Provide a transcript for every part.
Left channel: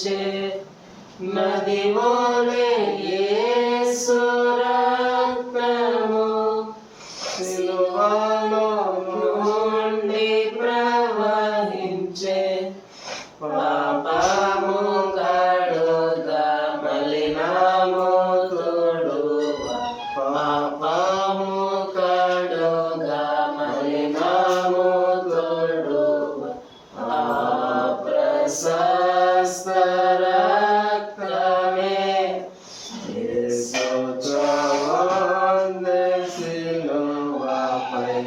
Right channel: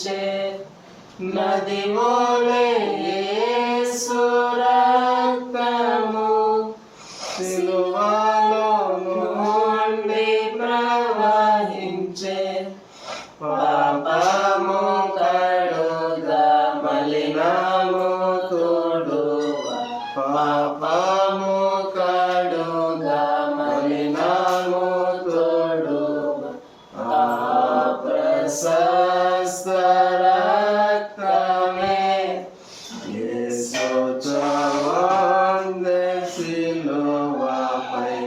ప్రవహించే నది వలె యేసు రక్తము సిలువలో నుండి ప్రవహించే పాపము కడుగా మలినము తోడుగా పాపము కడుగా మలినము తోడుగా ఆ ప్రశస్త రక్తమే యేసు చొందె సిలువపై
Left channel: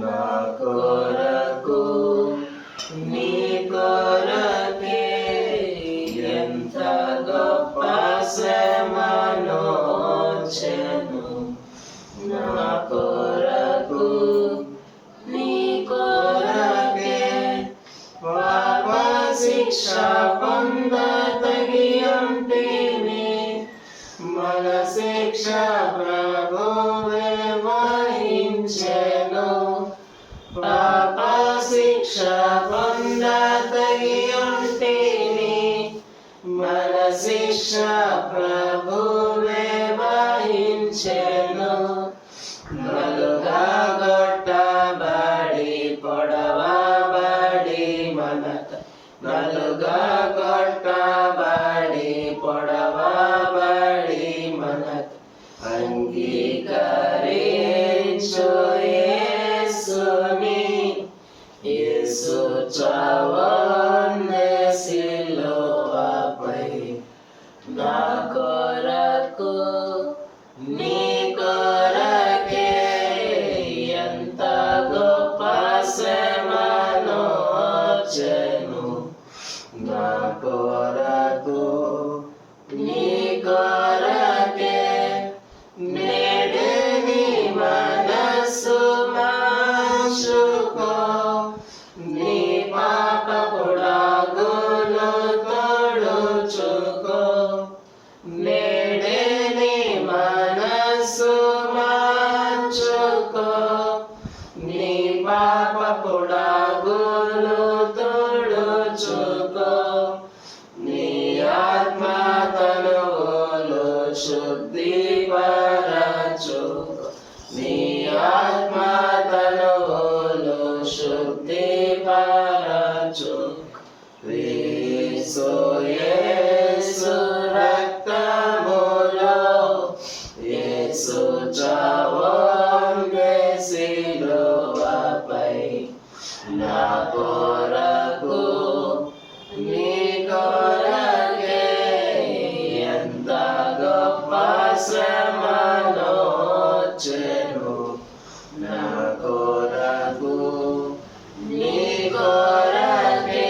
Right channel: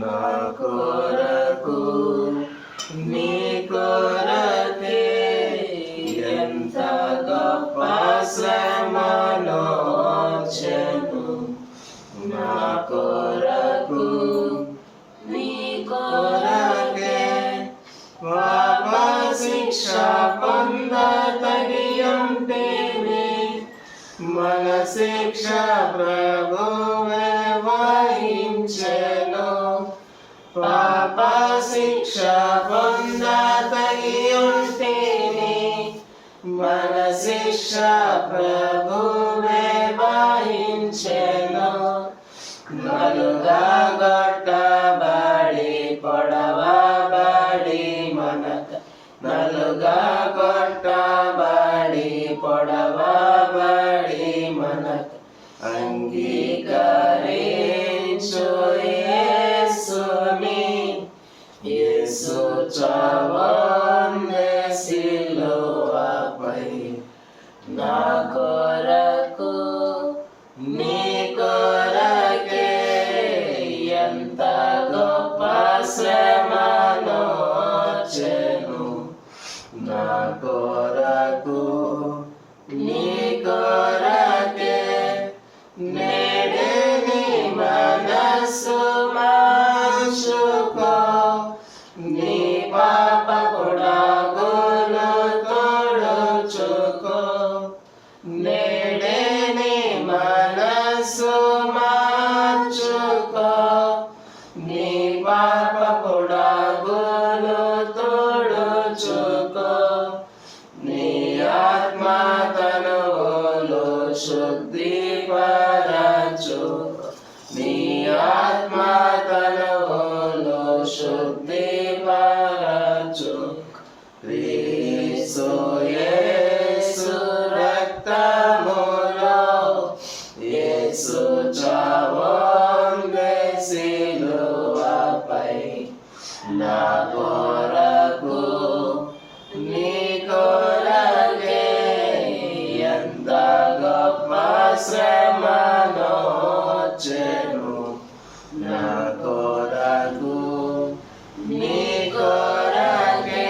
నా కొరకు నీ కొరకే ఎంత గొప్ప శ్రమనొచ్చెను నా కొరకు నీ కొరకే పాప శిక్ష పొందతగి ఉంటేనే మన శిక్ష ప్రభువే వహించెను పాప శిక్ష పొందతగి ఉంటేనే మన శిక్ష ప్రభువే వహించెను నలుగా కొట్టబడి పొడవబడి మనక నలుగా కొట్టబడి పొడవబడి మనక అంగీకరించు యేసుని యేసు చావొందె సిలువపై నా కొరకు నీ కొరకే ఎంత గొప్ప శ్రమనొచ్చెను నా కొరకు నీ కొరకే నేడే నీ మనస్సు మార్చుకో నీ పాప గుడాగులు తొడుచుకో నేడే నీ మనస్సు మార్చుకో నీ పాప గుడాగులు తొడుచుకో నీ ఆత్మ తనువులు శుద్ధిపరచుకో నీ ఆత్మ తనువులు శుద్ధిపరచుకో క్రీస్తు యేసు రక్తములో యేసు చావొందె సిలువపై నా కొరకు నీ కొరకే ఎంత గొప్ప శ్రమనొచ్చెను నా కొరకు నీ కొరకే